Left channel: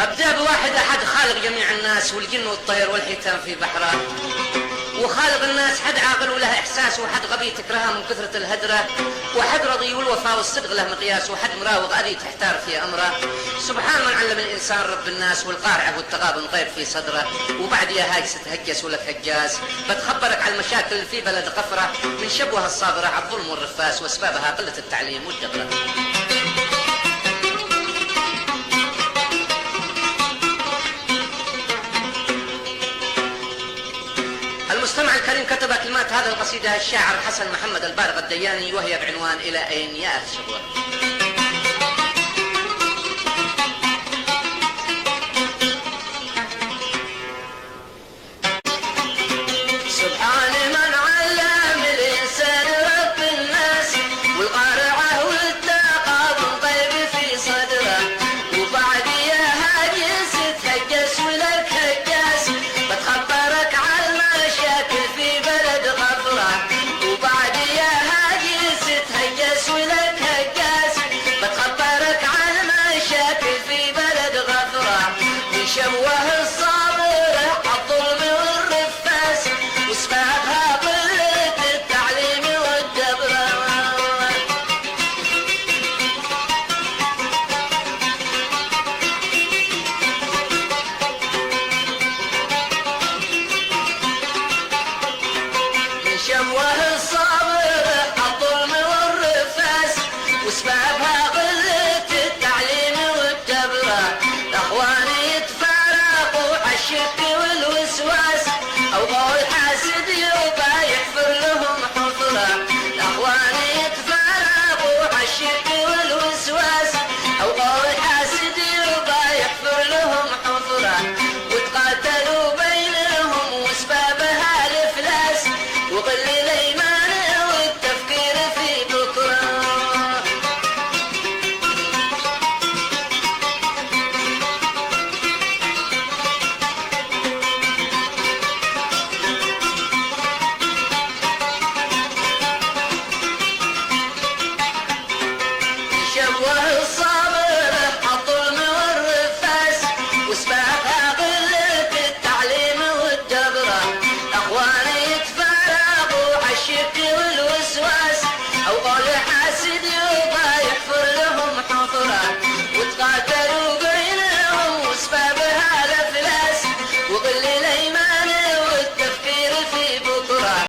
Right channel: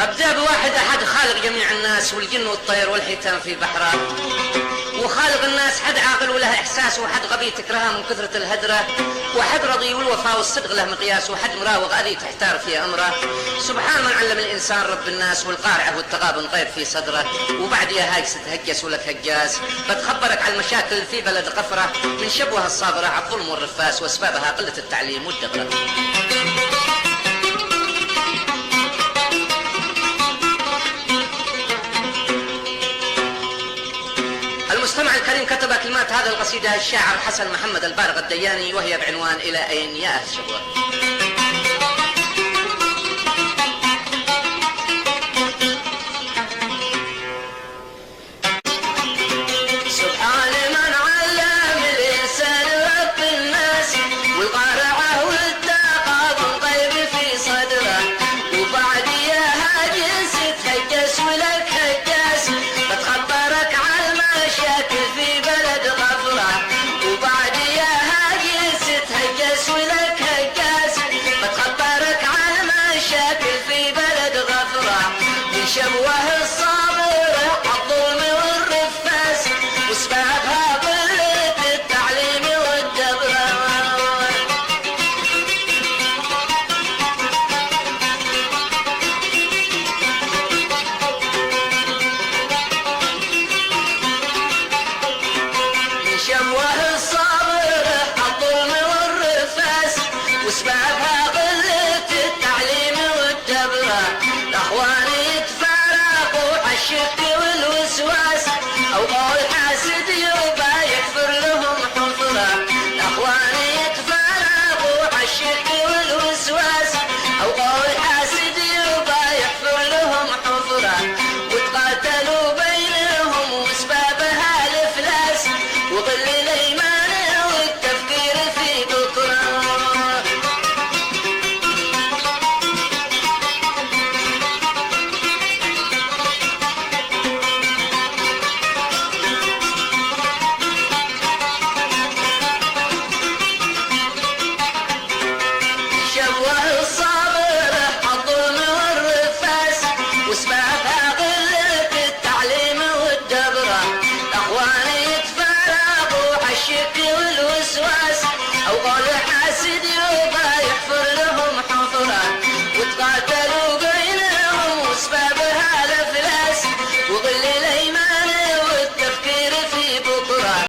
أبدأ بواحد أحد خالق جميع الناس والجن والطير والحيتان في بحره، وخالق الناس حد عاقل وله إحساس، وحد غبي تكرهه من كثرة الهدرة، وحد رضي والوفاء والصدق له مقياس، وحد مراوغ أذي تحتار في أمره. سبحان من علم الإنسان رب الناس، والقارعة والتغابن طير في صدره. وبعد يا هاجس تهجس ولا تهجاس، قد خبرك على المشاكل اللي في بلد قفرة، من شبوها الصابرة على الظلم والرفاس، وأسبابها قلة التعليم والدقة. المستمع الكريم كتب كلمات هذا القصيدة الشاعر حسن محمد البارغ الدياني، وهي بعنوان إلى أين يا أهل الشبوة. سبحان من علم الإنسان رب الناس، والقارعة والتغابن طيب في صدره. وبعد يا هاجس تهجس ولك هجاس، بتخبرك على المشاكل في بلد غفرة. وبعد يا هاجس تهجس ولك هجاس، بتخبرك على المشاكل في بلد غفرة. وشبوه الصابر الظلم والرفاس، واسبابها قلة التعليم والدبرة. شبوه الصابر الظلم والرفاس، واسبابها قلة التعليم والدبرة. الأخوان يتفارقوا عالشك والوسواس، أو قول حاسد يبقى يحفر لهم حفرة. الأخوان يتفارقوا عالشك والوسواس، أو قول حاسد يبقى يحفر لهم حفرة. وتقاتلوا بينهم واسبابها الإفلاس، وقل الإيمان والتفكير في بكرة. شبوه الصابر الظلم والرفاس، واسبابها قلة التعليم والدبرة. الأخوان يتفارقوا عالشك والوسواس، أو قول حاسد يبقى